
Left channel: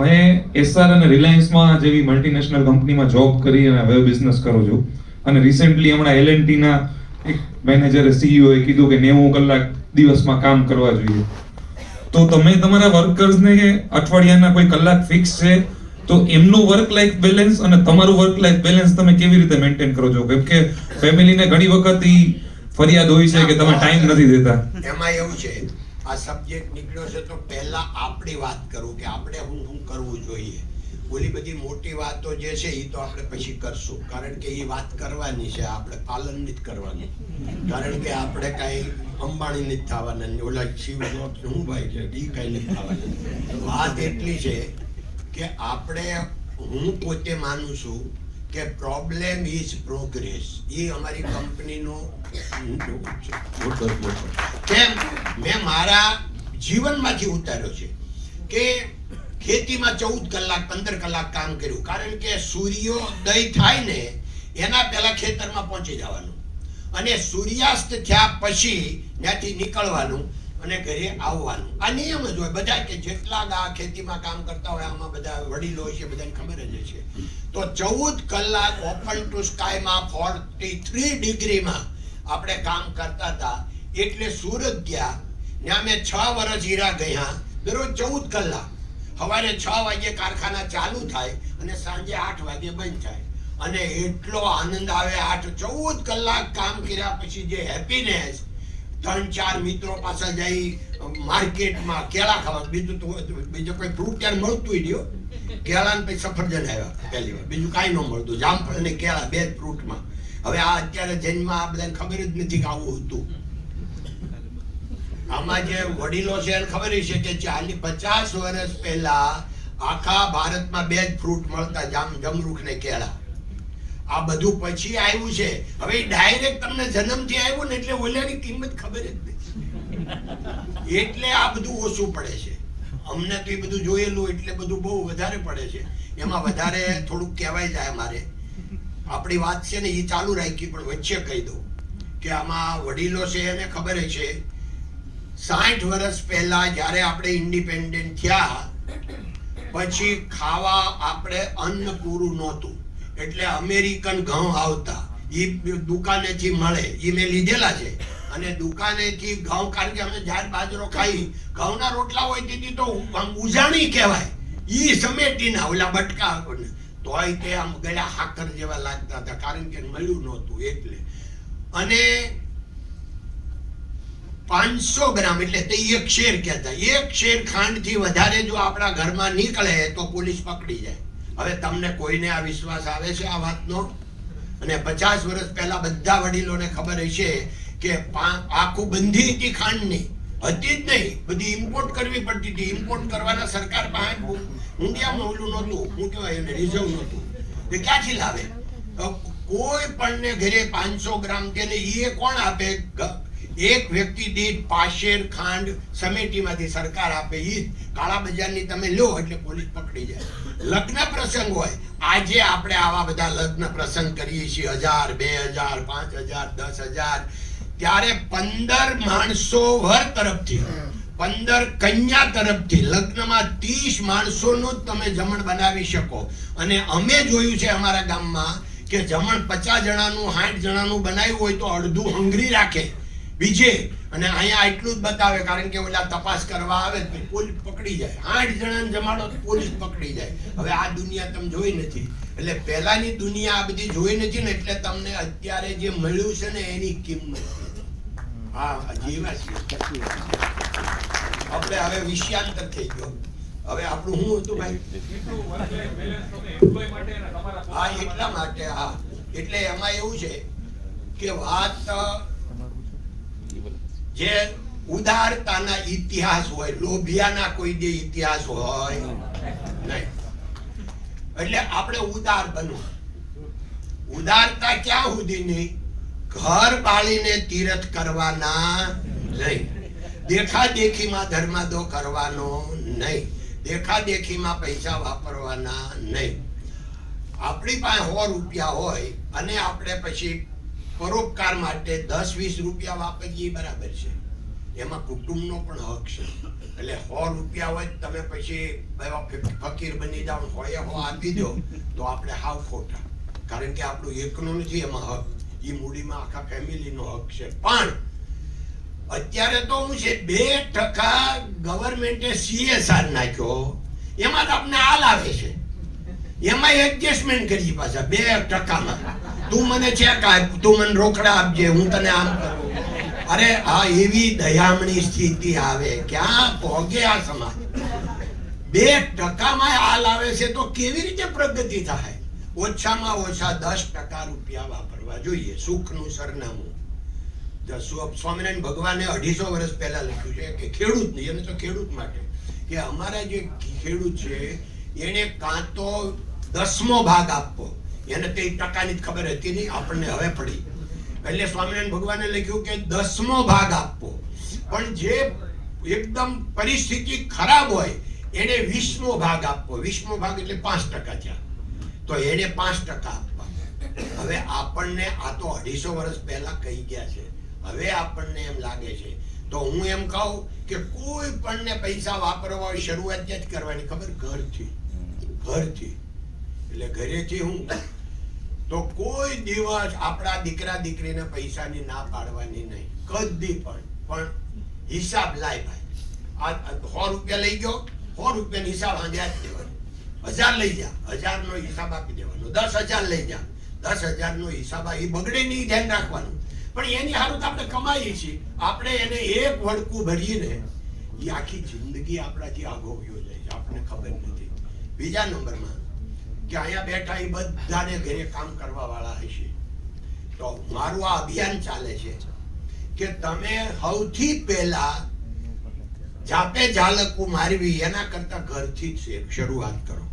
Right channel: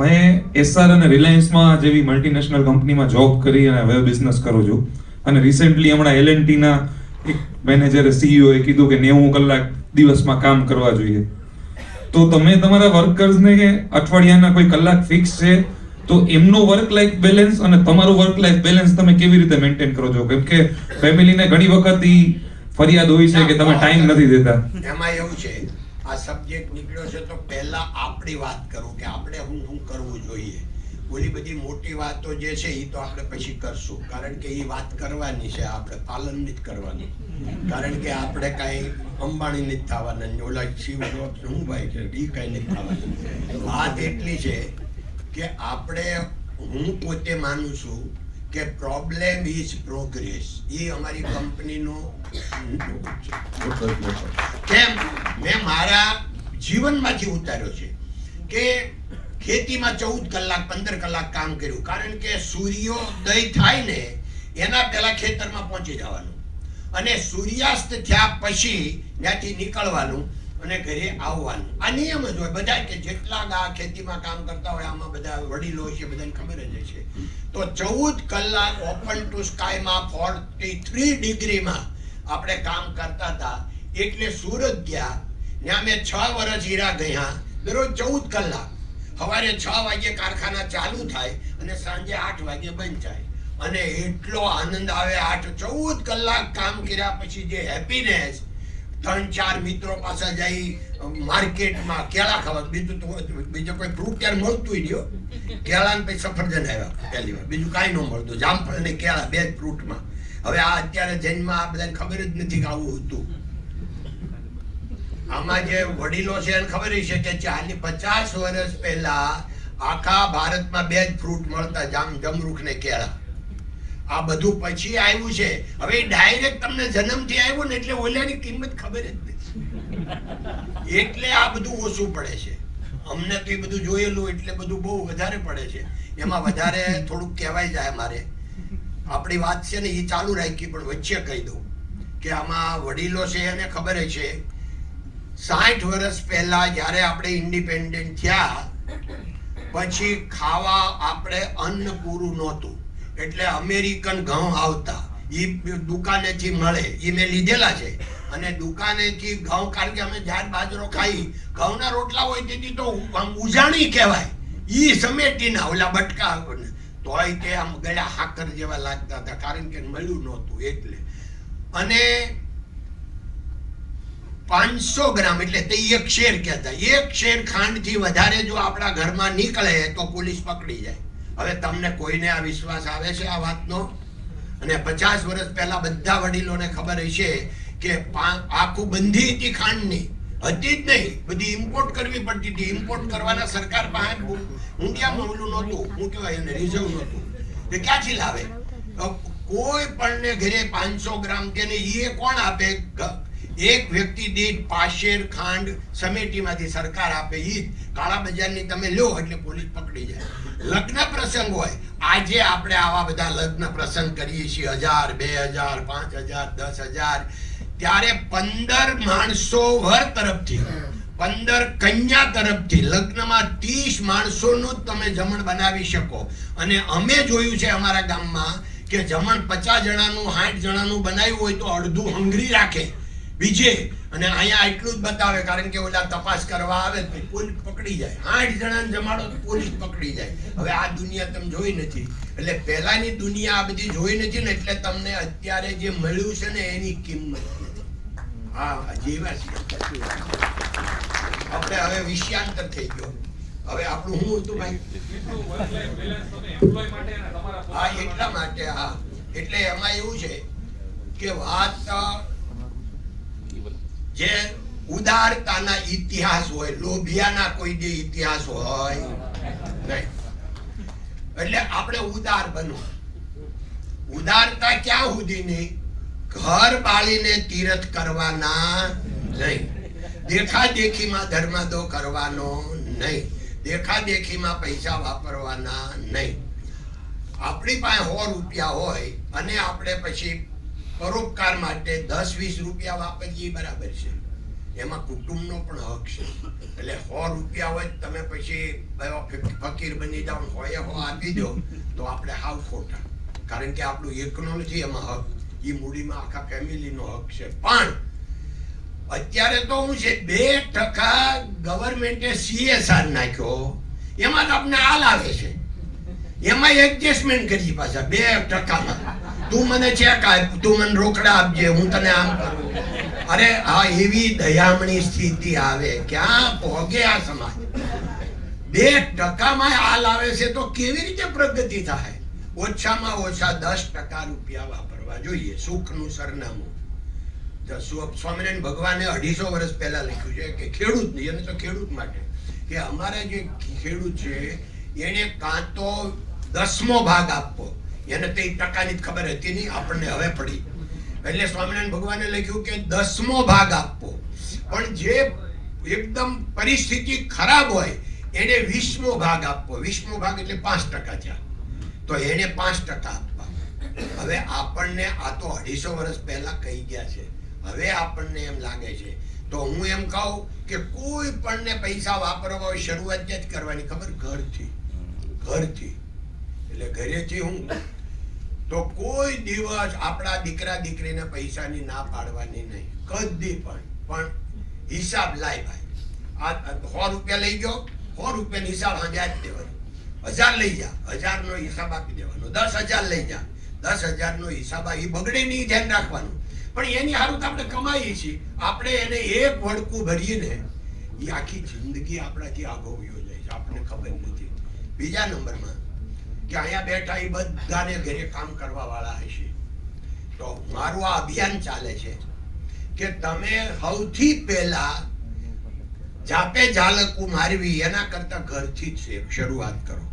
મેં એસઆર અને રિલાયન્સમાં જેવી મલ્ટીનેશનલ કંપનીમાં જોબ કરી અને વેબ બિઝનેસ કરું છું. અને રિસેન્ટલી હમણાં એલએનટીના એક મેનેજરે સીઈઓએ કીધું કે 90 કલાક દિવસમાં કામ કરવા જોઈએ. તો તમે તમારા વર્કર્સને અઠવાડિયાના કોઈ કલાક ફિક્સ છે, તો એમનો વર્ક લાઈફ બેલેન્સ અને તમારું વર્ક લાઈફ બેલેન્સ તમે કેવી રીતે મેન્ટેન કરો છો? કેમ કે ફેમિલીને ઘણી વખત ફરિયાદ હોય છે કે તમે ટાઈમ નથી દેતા. એમાં એવું છે, આ સબ્જેક્ટ નીકળ્યો છે તો પહેલા આપણી વાત કરું કે આપણે શું કરવું જોઈએ. ઓલી બધી મોટી વાતો જે છે એ તો આપણે પછી કરશું, કારણ કે એ વાત કરવાની છે, આપણે પાલન નથી કરવાનું. કારણ કે આપણે કાંઈ અંબાણી નથી થવાના, ઓલા શિવ જોબ શું ભાઈ છે એ કાંઈ નથી થવાના. વાત એટલી છે કે આપણે, હું પોતે માનું છું કે પ્રોબ્લેમ ઇઝ પ્રોગ્રેસ. એ અમારી કંપનીનો કેમ મેં મારા જીવનમાંથી ઉતાર્યો છે કે ખેતીમાં 14 કલાક 15 કલાક કામ કર્યું. કારણ કે સૂર્યોદય થાય ને એના પહેલા ખેતરમાં પહોંચી જવાનું અને સૂર્યાસ્ત થયા પછી ત્યાંથી નીકળવાનું અને ઘરે આવવાનું. આ નિયમ જ હોય બધા, કે જેટલા આ ખેતીમાં કામ કરતા હોય આમાં બધા વડીલો છે, બધાને ખબર જ છે. તો 14 કલાક ઓપન ટુ સ્કાયમાં 43 ડિગ્રીમાં આપણે કામ કરતા હતા. એટલે સુરત ગયા, ત્યાં મેં 6 વર્ષ હીરા ગયા, દરરોજ 14 કલાક. સવારે 6 વાગે કારખાના ચાલુ થાય અને સાંજે 8 વાગે બંધ થાય. અને એટલો આનંદ આવે. 14 કલાક કામ કર્યા પછી જે હેપીનેસ. 3-4 મિત્રો પાસે જઈ માર્કેટમાં કેળા ખાવા, બીજું તો બીજો કોઈ ફ્રૂટ ત્યારે મળતું જ નહીં. કેળા ને પછી સફરજન આવ્યા પહેલી વાર, બીજું કાંઈ ન મળતું. જામફળ ને કેળા, 2 જ ફ્રૂટમાં. હવે આ અત્યારે જન્મમાં આ બધાને ખબર જ નથી કે આવું હતું. આમાં જે વડીલો છે એને ખબર છે કે 50 વર્ષ પહેલા આખા ભારતમાં 2 જ ફ્રૂટ મળતા, જમરૂખ ને કેળા. આ બધું પછી આવ્યું છે. હવે ડાયરેક્ટ તમને જન્મથી આવ્યું ને એટલે ઓલાની કિંમત ખબર જ નથી. એટલે આ બધું ઓછું પડે છે અમને. તો એ બધું જોયેલું એટલે બધું બહુ વધારે પડે છે. એમાં વધારે થોડુંક કહેવાય જાય. મારે આપણી વાત છે ને એ ચાલુ રાખી, પણ વચ્ચે કહી દઉં કે આમાં વડીલો છે એને ખબર છે 60 વર્ષ પહેલા જ્યારે આપણે ઇન્ડિપેન્ડન્ટ થયા પછી ખાવા આપણે અન્ન પૂરું નહોતું. એટલે અમેરિકન ઘઉં આવતા, એ દુકાનેથી મળે, એ મેં લીધેલા છે. અને દુકાનેથી ઘઉં, કારણ કે અમે જાર બાજરો ખાઈ, ઘઉંના રોટલા હોય તેથી તો ઉજાણી કહેવાય. એ સમેટીના ઓલા બટકા, તોય તે આમ ગળા હાકર જેવા લાગતા હતા, કારણ કે મળ્યું નહોતું એટલે. અને 500 ગ્રામ એટલે તે 1 શેર કહેતા. 1 શેર ખાંડથી વધારે જો આપણા ઘરમાં નીકળે તો પોલીસ પકડી જાય. હવે તમને કોઈને આ વિશ્વાસ આવે છે આ વાતનો? અને 50 વર્ષ પહેલા બધા વડીલોને ખબર છે કે આખું બંધી હતી ખાંડની, હતી જ નહીં, બધી ઇમ્પોર્ટ કરવી પડતી હતી. ઇમ્પોર્ટ કરવાના સરકાર પાસે ઊંડિયામાં ઓલું નહોતું, શું કહેવાય એને, રિઝર્વ નહોતું. એ ક્યાંથી લાવે? કોઈ પણ ને ઘરે 500 ગ્રામ કે ને એ કોણ આપે? એક વ્યક્તિ દીઠ પાશેર ખાંડ સમિતિમાંથી સરકાર આપે. એ કાળા બજારની તમે લો એટલે પોલીસ પકડી જાય. લગ્ન પ્રસંગ હોય, આજે આપણે આવા બધા લગ્ન પ્રસંગ કરીએ છીએ, 1000, 2000, 5000, 10000, ત્યારે 15 માણસો વર તરફથી, 15 કન્યા તરફથી લગ્નમાં 30 માણસોનું જ તમે જમણ બનાવી શકો. અને અમે જોયું છે અમારા ગામમાં કે જમણ 50 જણાનું 60 જણાનું બનાવ્યું હોય તો અડધું હંગરી રાખે બીજે, અને અહીંયા એટલું જ બતાવે, કારણ કે ઓલા તપાસ કરવા આવે તો પોલીસ પકડી જાય. 60 જણાને જમાડો તો પોલીસ પકડી જાય. હવે આ દુનિયા તમે જોઈ નથી, એટલે પહેલાની દુનિયા આ બધી જોઈ નથી ને, એટલે તમને અત્યારે જે મળ્યું છે ને એની કિંમત હા જેવા છે. આપણે હવે વિષયાંતર થઈ ગયો. હવે આપણું શું હતું ભાઈ? હા, એટલા માટે. હા, એટલે એમાં એવું છે કે વાત જે ઉદારતાના ઇતિહાસ હોય, લોભિયાના કોઈ જે ઇતિહાસ હોય નહીં. એટલે આપણે ઉદાર બનવું. ઉદારતા ક્યાં સુધીની? ઘર બાળીને તીરથ કરવાના નહીં, દેખાદેખીમાં ધર્માદો કરવાનો નહીં, દેખાદેખીમાં પૈસા વાપરવાના નહીં. આપણી પાસે 100 રૂપિયા હોય અને આપણે પછી પરોપકાર માટે 10-20 રૂપિયા વાપરીએ, બરાબર છે, એમાં કુટુંબનો પણ હક છે. એટલે 100 રૂપિયા હોય તમે પછી ફકીર બની જાઓ, 100 આપી દો તો આપણે હાવ ખોટા, કારણ કે આપણું એકનો નથી એમાં હક, એ મૂડીમાં આખા ફેમિલીનો હક છે. પણ અત્યારે તો હું છે 2% ગવર્મેન્ટે CSR નાખ્યો, એમાં તો આપણે હાલ આવે છે, એમાં એડજસ્ટમેન્ટ કરી પાછા 2%માં. તું મને ચેક આપ, તું મને રોકડા આપજે, હું તને આમ કરું. અરે આ એવી દયામણી સ્થિતિ આવે, ક્યાં પહોંચે આ સમાજ? 2%માં હાલ આવે છે તો કેવી રીતે પ્રગતિ થાય? ઓછામાં ઓછા 10% રૂપિયા વાપરવા જોઈએ. સુખનું સરનામું. સ્વામિનારાયણ ભગવાને 250 વર્ષ પહેલા લખ્યું છે કે ખેડૂત નહીં, અને તો ખેડૂત માટે કે અમારા જે ખેડૂત છે એને કાં તો 10મો ભાગ આપવો, એને તે ટકાની જ ખબર હતી નહીં, આપણને હવે પડી. એટલે સ્વામિનારાયણ ભગવાને લખ્યું કે 10મો ભાગ આપવો, પણ જે એકદમ પરિસ્થિતિ ખરાબ હોય એને 20મો ભાગ આપવો. 20મો ભાગ એટલે 5% થયા, તો એને 5% આપવા. હવે આપણને આ તો 250 વર્ષ પહેલા કહી ગયા છે, હવે આપણને એમ લાગે છે. તો હું એમ કહું કે કોઈ પણ ને પૈસા વાપરવા હોય શરૂઆત જ કરવાની, ખબર? ઘરથી. એટલે ઘરેથી હું તો કોઈ દિવસ આપણા દીકરા દીકરીને પૈસાની ના પાડવાની નહીં, કદી પણ હિસાબ લાય ભાઈ. આ 100 રૂપિયા લઈ ગયો, 100 રૂપિયાનો હિસાબ આજે જ દેવાનો. 1000 લઈ જા, 1000 નો હિસાબ આપી દેવાનો. 10,000 લઈ જા, 10,000 નો હિસાબ. એ બગડે નહીં, ધ્યાન રાખવાનું. પણ એની સારું આપણે કમાઈએ છીએ, આપણે એને એક વડકું ભરીને એ આખી જિંદગી આપણાથી આગો વયો જાય છે, આપણને ખબર નથી. બીજા નંબરમાં કે અહીંયા બેઠા એ બધાને ઘરે કામ કરવા વાળા હશે, તો મારું આ અભિયાન ચાલે છે કે તમે સૌથી પહેલા જાપે ઝાલકું મારવી એના કરતા ઘરથી જ શરૂઆત કરો.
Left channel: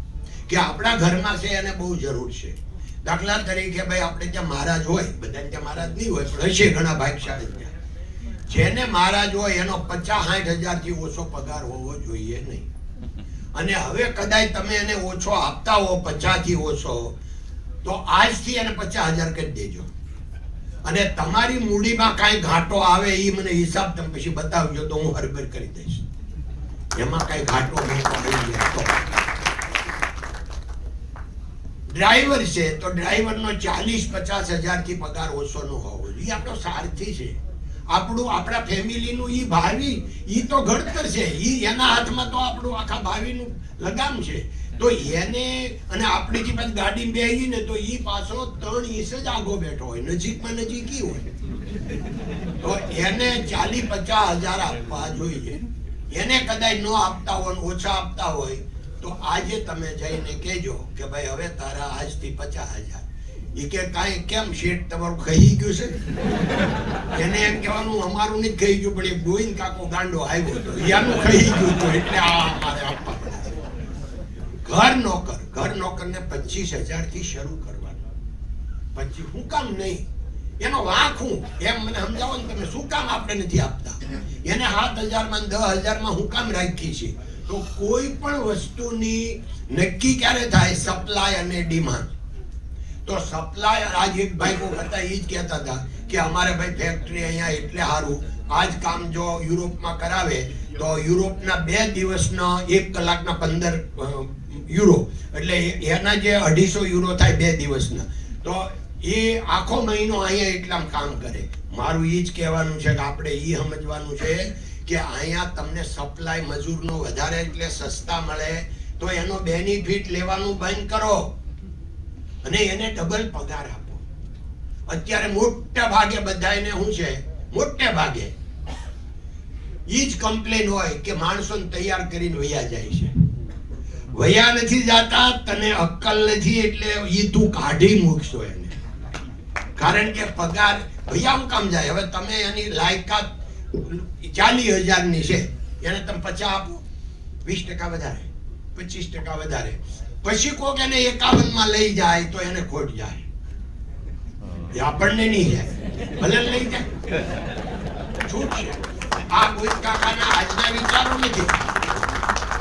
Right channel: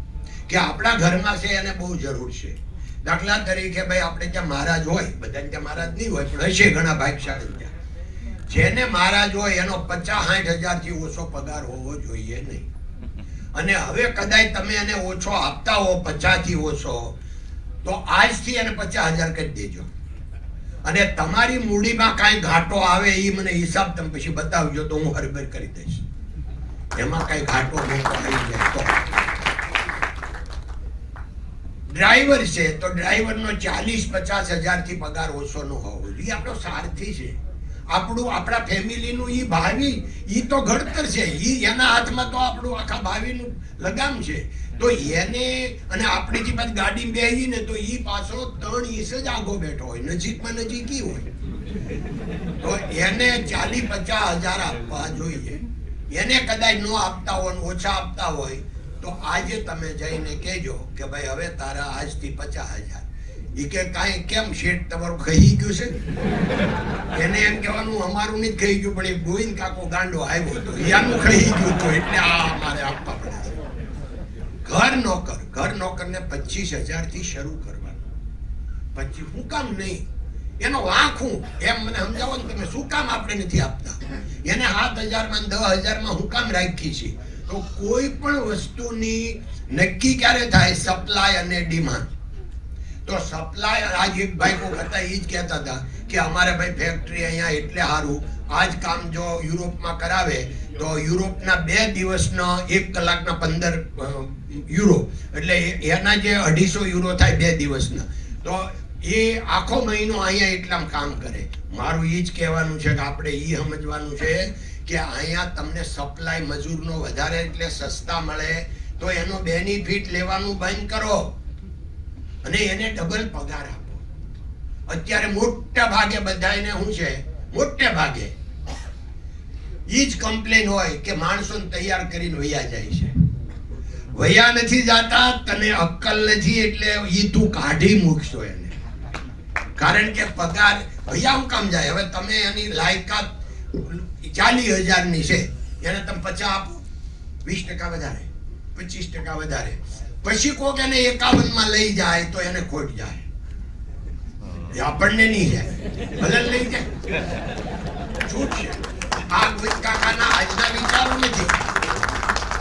કે આપણા ઘરમાં છે એને બહુ જરૂર છે. દાખલા તરીકે ભાઈ આપણે ત્યાં મહારાજ હોય, બધાને ત્યાં મહારાજ નહીં હોય પણ હશે ઘણા ભાગશાળી ત્યાં, જેને મહારાજ હોય એનો 50-60 હજારથી ઓછો પગાર હોવો જોઈએ નહીં. અને હવે કદાચ તમે એને ઓછો આપતા હો, 50થી ઓછો, તો આજથી એને 50,000 કરી દેજો. અને તમારી મૂડીમાં કાંઈ ઘાટો આવે એ મને હિસાબ તમે પછી બતાવજો, તો હું હરબર કરી દઈશ. એમાં કાંઈ ઘાટો આવી જાય તો ડ્રાઈવર છે તો ડ્રાઈવરનો 40-50 હજારથી પગાર ઓછો ન હોવો જોઈએ. આપણો સારથી છે, આપણા ફેમિલીનું ઈ ભાવિ, ઈ તો ઘડતર છે, ઈ એના હાથમાં તો આપણું આખા ભાવિનું લગામ છે. તો એને અને આપણીથી પાછી ગાડી બેસી ને તો ઈ પાછો 3 ઇંચ જ આગો બેઠો હોય, નજીકમાં નજીકી હોય, તો એને 40-50 હજાર આપવા જોઈએ. એને કદાચ ન આપતા હોય, ઓછા આપતા હોય, તો આજે તમે જઈને કહેજો કે ભાઈ હવે તારા આજથી 50,000. એ કે કાંઈ કેમ શેઠ તમારું ખાઈ ગયું છે? એને એમ કહેવાનું અમારું નહીં ખાઈ ગયું, પણ એ ગોવિંદ કાકો ગાંડો આવ્યો હતો એનું ખાઈ ગયું હતું, એટલે આ અમારે આપવા પડે છે. ઘર નોકરને 25,000 થી શરૂ કરવાનું. પછી હું કામ નહીં, એનો વાંક હું એમ મને સમજાવો ને તમે, શું કામ આપણે નથી આપતા? એને 7,000 માં 10,000 માં હું કામ રાખી છે? તો કોઈ પણ વસ્તુની નક્કી ક્યારે થાય? સપ્લાય અને ડિમાન્ડ. તો સપ્લાય, આજ એક ભાઈ કો હતા એ જ કહેતા હતા કે અમારે ભાઈ ફેક્ટરી અહીંયા એટલે સારું, આજ કામ જો યુરોપમાં કરાવે તો યુરોપના 2 દિવસનો 1 કલાકના 15 યુરો, એટલે એના જે 250 યુરો થાય 2 દિવસના, તો એ આખો મહિનો અહીંયા એટલામાં કામ કરે. મારું એ જ કહેવાનું છે કે આપણે એ સમજવાનું છે કે અહીંયા તમને સપ્લાય મજૂરનો વધારે એટલે સસ્તા મળે, તો એનો બેનિફિટ લેવાનું બંધ કરો અને એને ડબલ પગાર આપો. અત્યારે મોટા ભાગે બધાને શું છે, મોટે ભાગે ઈ જ કમ્પ્લેન હોય કે માણસોને તૈયાર કરીને વયા જાય છે. વયા નથી જાતા, તને અક્કલ નથી એટલે ઈ તું કાઢી મૂકશો એને. કારણ કે પગાર વયા હું કામ જાય? હવે તમે એની લાયકાત 40,000 ની છે, એને તમે 50 આપો, 20% વધારે, 25% વધારે, પછી કોક એને 51 માં લઈ જાય તો એને ખોટ જાય. એ આપણને નહીં જાય, ભલે લઈ જાય, છૂટ છે. આ ગોવિંદ કાકાના આજના વિચારો નથી.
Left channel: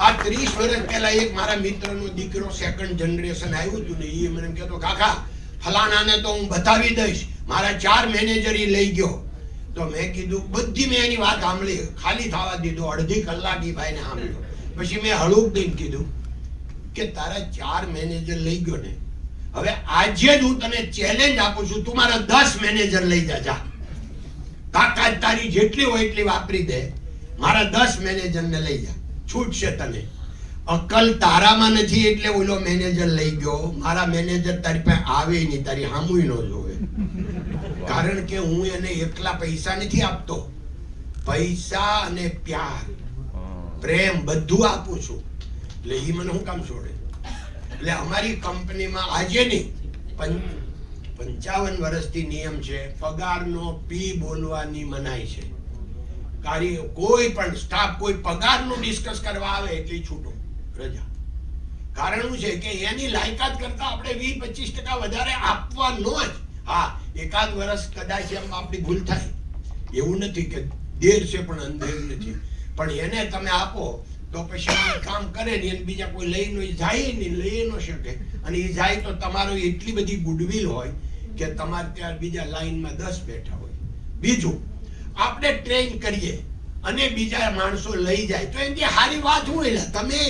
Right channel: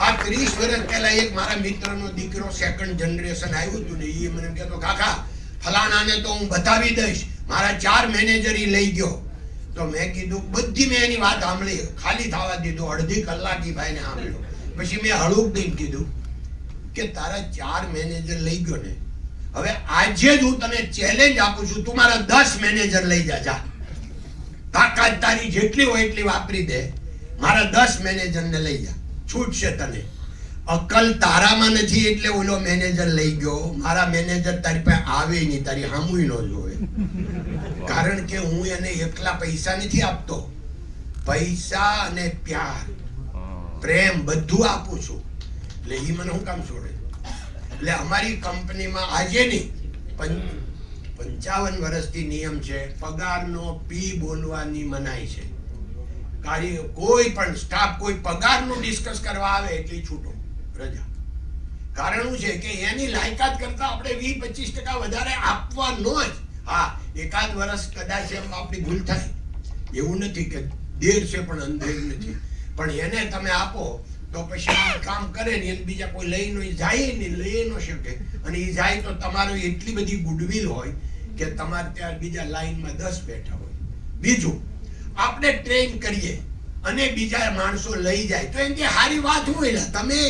આ 30 વર્ષ પહેલા એક મારા મિત્રનો દીકરો 2nd જનરેશન આવ્યું હતું ને, એ મને કહેતો કાકા ફલાણાને તો હું બતાવી દઈશ, મારા 4 મેનેજર ઈ લઈ ગયો. તો મેં કીધું, બધી મેં એની વાત સાંભળી, ખાલી થવા દીધું, અડધી કલાક ઈ ભાઈને સાંભળ્યું. પછી મેં હળવું દઈને કીધું કે તારા 4 મેનેજર લઈ ગયો ને, હવે આજે જ હું તને ચેલેન્જ આપું છું, તું મારા 10 મેનેજર લઈ જા. તાકાત તારી જેટલી હોય એટલી વાપરી દે, મારા 10 મેનેજરને લઈ જા, છૂટ છે તને. અક્કલ તારામાં નથી એટલે ઓલો મેનેજર લઈ ગયો. મારા મેનેજર તારી પાસે આવે નહીં, તારી સામુય ન જોવે. કારણ કે હું એને એકલા પૈસા નથી આપતો, પૈસા અને પ્યાર, પ્રેમ બધું આપું છું. એટલે એ મને હું કામ છોડે? એટલે અમારી કંપનીમાં આજે નહીં 55 વર્ષથી નિયમ છે, પગારનો પી બોલવાની મનાઈ છે. કોઈ પણ સ્ટાફ કોઈ પગારનું ડિસ્કસ કરવા આવે એટલે છૂટો, રજા. કારણ શું છે કે એની લાયકાત કરતા આપણે 20-25% વધારે આપવાનો જ. હા, એકાદ વર્ષ કદાચ એમ આપણી ભૂલ થાય, એવું નથી કે દેર છે પણ અંધેર નથી, પણ એને તમે આપો તો પછી કામ કરે ને, એને બીજા કોઈ લઈને જાય ને, લઈ ન શકે. અને એ જાય તો તમારો એટલી બધી ગુડવિલ હોય કે તમારે ત્યાં બીજા લાઈનમાં 10 બેઠા હોય. બીજું, આપણે ટ્રેન કરીએ અને બીજા માણસો લઈ જાય તો એની સારી વાત શું? એટલે તમે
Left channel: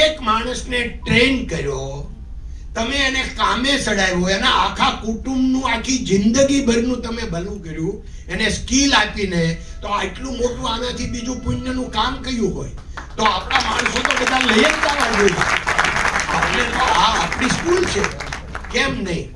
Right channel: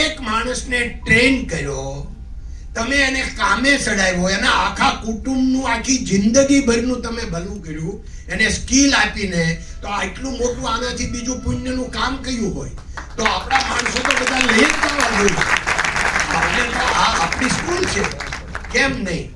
એક માણસને ટ્રેન કર્યો, તમે એને કામે ચડાવ્યો, એના આખા કુટુંબનું આખી જિંદગી ભરનું તમે ભલું કર્યું, એને સ્કિલ આપીને, તો આટલું મોટું આનાથી બીજું પુણ્યનું કામ કયું હોય? તો આપણા માણસો તો બધા લઈ જ જવા જોઈએ. આ આપણી સ્કૂલ છે, કેમ નહીં?